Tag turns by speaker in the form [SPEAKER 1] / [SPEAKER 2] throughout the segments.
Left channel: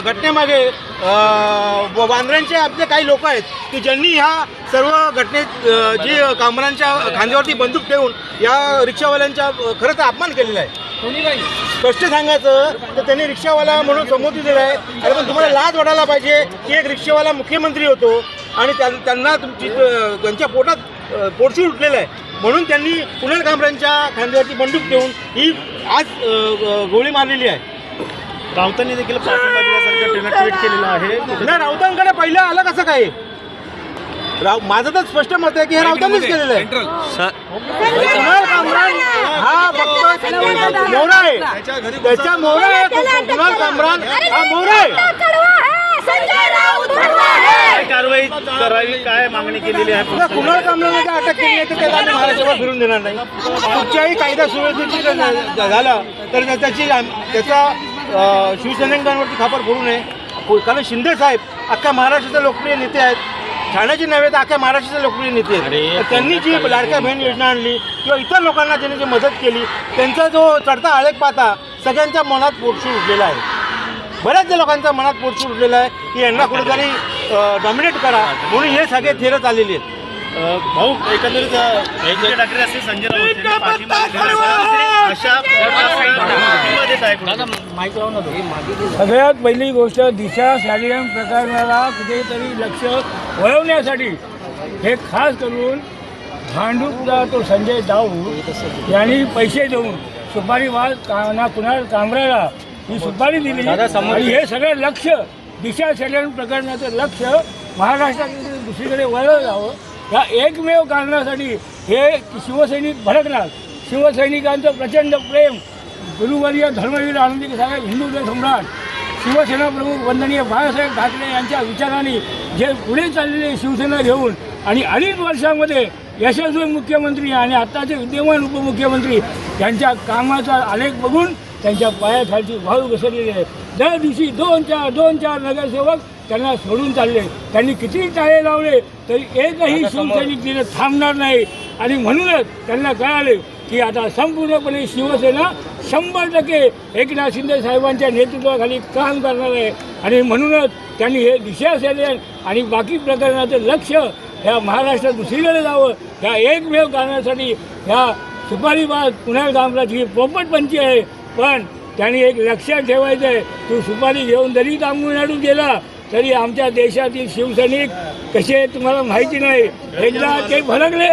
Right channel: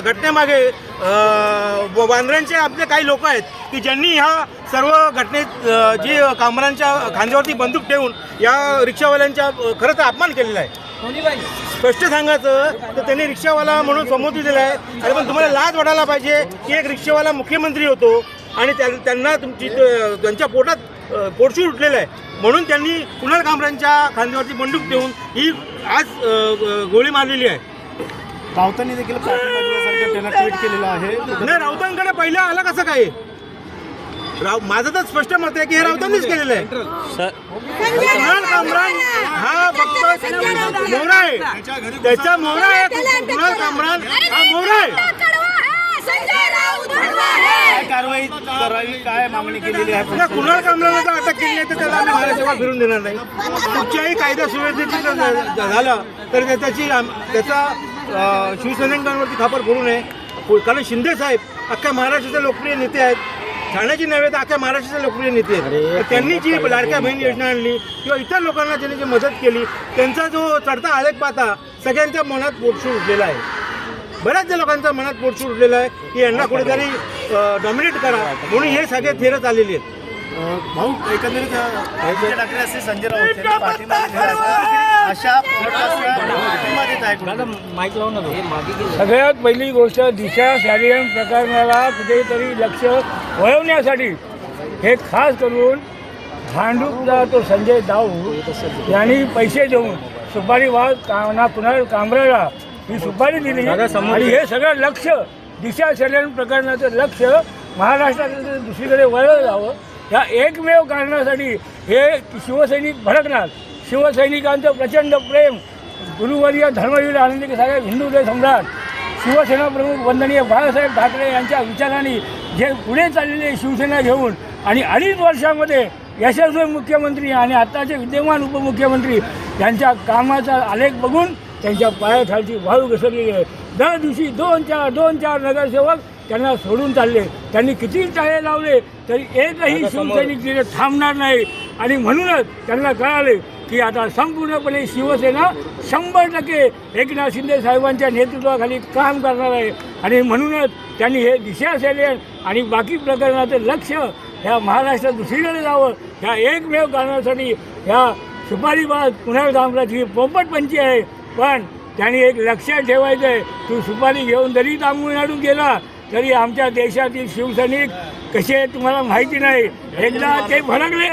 [SPEAKER 1] घटनेमागे वांद्र्यांचे आपले काही लोक आहेत की ज्यांनी ह्या सर्व घटनेत जे कामरांच्या खांद्यावरती बंदूक ठेवून या रिक्षावाल्यांच्या खरं तर अपमान केलेला आहे. स्पष्ट सांगायचं तर त्यांनी रिक्षावाला म्हणून संबोधित दिलं आहे. अरे पण तुम्हाला लाज वाटायला पाहिजे की एक रिक्षावाला मुख्यमंत्री होतो आणि त्यां- त्यांना तुमची त्यांच्या पोटात अ, पोटशूळ उठलेलं आहे. म्हणून त्यांनी कुणाल कामरांच्या खांद्यावरती बंदूक ठेवून ही आज गोळी मारलेली आहे.
[SPEAKER 2] राऊतांनी देखील ट्विट केलेलं आहे.
[SPEAKER 1] नाही राऊतांकडे पहिलं आलं कसं काय? राव माझं तर स्पष्ट मत आहे की हे राऊतांनीच केलेलं आहे. कुणाल कामरान हा फक्त मोरा आहे. त्याच्या मोरा आहे कु- कुणाल कामरान हा मोरा आहे.
[SPEAKER 2] कारवाई करावी काय मागणी केलेली आहे?
[SPEAKER 1] कुणाल कामराला जर अटक केली आहे तर त्याला आम्ही महाराष्ट्रावर फिरून देणार नाही. कुठच्याही कायदा झा- झाला तर त्याची आम- त्याचा शिवसैनिकांवरती खापर फोडू नये. कारण शिंदे साहेब अख्खा महाराष्ट्राचे लोकप्रिय नेते आहेत. ठाण्याचे नव्हे तर अख्ख्या महाराष्ट्राचे लोकप्रिय नेते आहेत. त्यांनी जी लाडक्या बहीण योजना आणली किंवा इतर लोकांना त्यांनी जी मदत केली त्यांचा जो चढता आळेक पाहता सगळ्यांच्या मनात पोटशूळ उठलेला आहे. बऱ्याचशा लोकांच्या मनात पोटशूळ उठलेलं आहे की यांना कुठेतरी डॉमिनेट करा. म्हणून हे सगळे थेरत आलेले आहेत.
[SPEAKER 2] भाऊ एकंदरीत असतील संजय राऊत यांनी पाठिंबा. अशा
[SPEAKER 3] सगळ्यात पहिली गोष्ट दिशा शालियन प्रकरणाला कुठेतरी लक्ष वळवण्यासाठी. हे खास करून भांडूपचा तो संजय दाऊ यांनी पैसे देऊन सुपारी वाद काना कुणाल कांबऱ्याला ही सुपारी दिली. आणि हे सगळं लक्ष दिशा शालियन प्रकरणाचं लक्ष महाराष्ट्राकडे दुसरीकडे वळलं जावं. या एकमेव कारणासाठी हे शिवसैनिक भडकणार. शिवसैनिकांचं प्रचंड प्रेम गुरुवर्य धर्मवीर आनंदी साहेब हिंदू सम्राट शिवसेना प्रमुख वंदनीय बाळासाहेब ठाकरे यांच्या विचारांनी जे पुढे चाललेले शिवसेना घेऊन आणि अडीच वर्षामध्ये यशस्वी मुख्यमंत्री आणि आत्ताचे विद्यमान उपमुख्यमंत्री यांच्या कामाचा आलेख बघून त्यांच्या पायाखालची वाळू घसरलेली आहे. दर दिवशी दोन चार दोन चार नगरसेवक त्यांना सोडून चालले. त्यांनी किती टाळे लावले तरी एकही शिवसैनिक तिथे थांबणार नाही. आणि म्हणूनच त्यांना कळाले की आता संपूर्णपणे शिवसेना शंभर टक्के एकनाथ शिंदे साहेबांच्या नेतृत्वाखाली काम करणार आहे. आणि म्हणूनच त्यांनी हे दिशा सेनेन आणि बाकी प्रकरणाचं लक्ष ह्या महाराष्ट्रात दुसरीकडे जावं. ह्या एकमेव कारणासाठी ह्या सुपारीबाद पुन्हा ही पोपटपंची आहे. पण त्यांनी एक लक्षात ठेवायचं आहे तू सुपारी घेऊन जरी तामिळनाडूत गेला तरी आमच्या देशातील शिवसैनिक कसे तुम्हाला माहिती नाही. एकदा ते भडकले.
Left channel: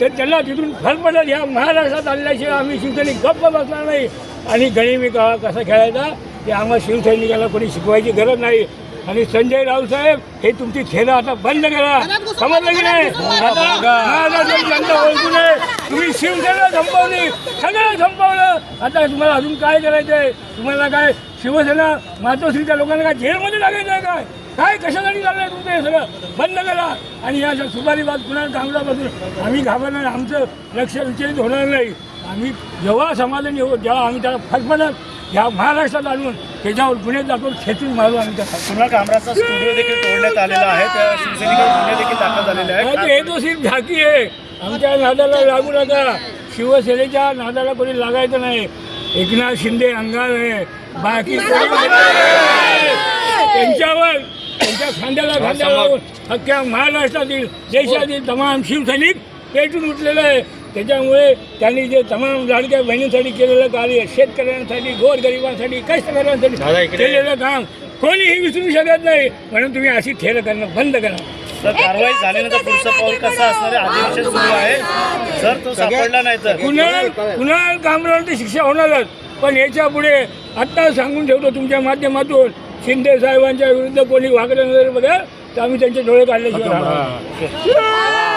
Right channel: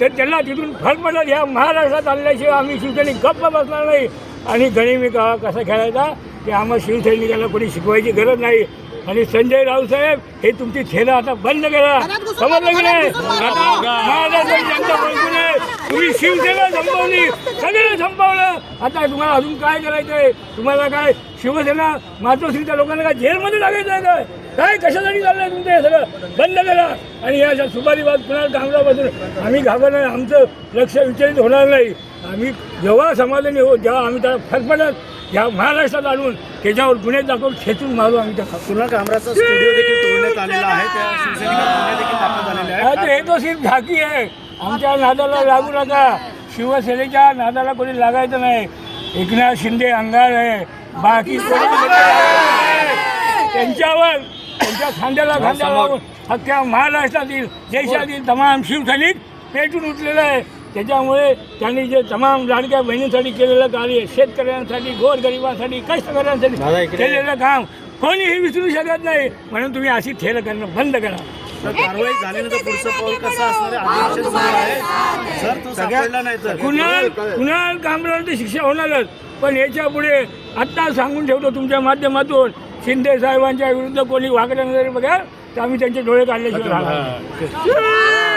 [SPEAKER 3] तर त्यांना तिथून फार पडत ह्या महाराष्ट्रात आणल्याशिवाय आम्ही शिवसैनिक गप्प बसणार नाही. आणि गणिमी का कसा खेळायचा ते आम्हाला शिवसैनिकांना कोणी शिकवायची गरज नाही. आणि संजय राऊत साहेब हे तुमची खेळ आता बंद करा समजलं की नाही? आता जनता ओळखू नये तुम्ही शिवसेना संपवली. सगळं संपवलं. आता तुम्हाला अजून काय करायचं आहे तुम्हाला काय शिवसेना मातोश्रीच्या लोकांना काय जेलमध्ये टाकायचं आहे काय? काय कशासाठी चाललंय तुमचे हे सगळं? बंद करा. आणि या सुपारीबाद कुणाला थांबल्यापासून आम्ही घाबरणार आमचं लक्ष विचलित होणार नाही. आम्ही जेव्हा समाधानी हो जेव्हा आम्ही त्याला फटफटत ह्या महाराष्ट्रात आणून त्याच्यावर गुन्हे दाखवून खेचून मारू आम्ही त्या
[SPEAKER 2] तुला कामराचा स्टुडिओ देखील तोडण्यात आलेला आहे. त्या शिवसैनिकांवर गुन्हे देखील दाखल झालेले
[SPEAKER 3] नाही,
[SPEAKER 2] आहेत
[SPEAKER 3] हे तो सिर्फ झाकी आहे. आमच्या नादाला लागू नका. शिवसेनेच्या नादाला कोणी लागायचं नाही. एकनाथ शिंदे अंगार आहे. बाकी. त्यांच्यावर त्यांच्या खांद्याला खांद्या लावून अख्ख्या महाराष्ट्रातील देशातील तमाम शिवसैनिक पेटून उठलेलं आहे त्याच्यामुळे त्यांनी जे तमाम लाडक्या बहिणींसाठी केलेलं कार्य शेतकऱ्यांसाठी गोरगरिबांसाठी कष्टकऱ्यांसाठी केलेलं काम कोणीही विसरू शकत नाही. म्हणून तुम्ही अशी ठेलं करणं बंद करा.
[SPEAKER 2] तर कारवाई झाल्यानंतर पुढचं पाऊल कसं असणार आहे? अधिवेशन सुरू आहे. जर तो सापडला नाही तर.
[SPEAKER 3] कुणाल कुणाल कामरावर तर शिक्षा होणारच. पण याच्यापुढे आत्ता सांगून ठेवतो तुमच्या माध्यमातून. शिंदे साहेबांच्या विरुद्ध कोणी वागलं वगैरे बघा तर आम्ही त्यांचे डोळे काढल्याशिवाय राहणार.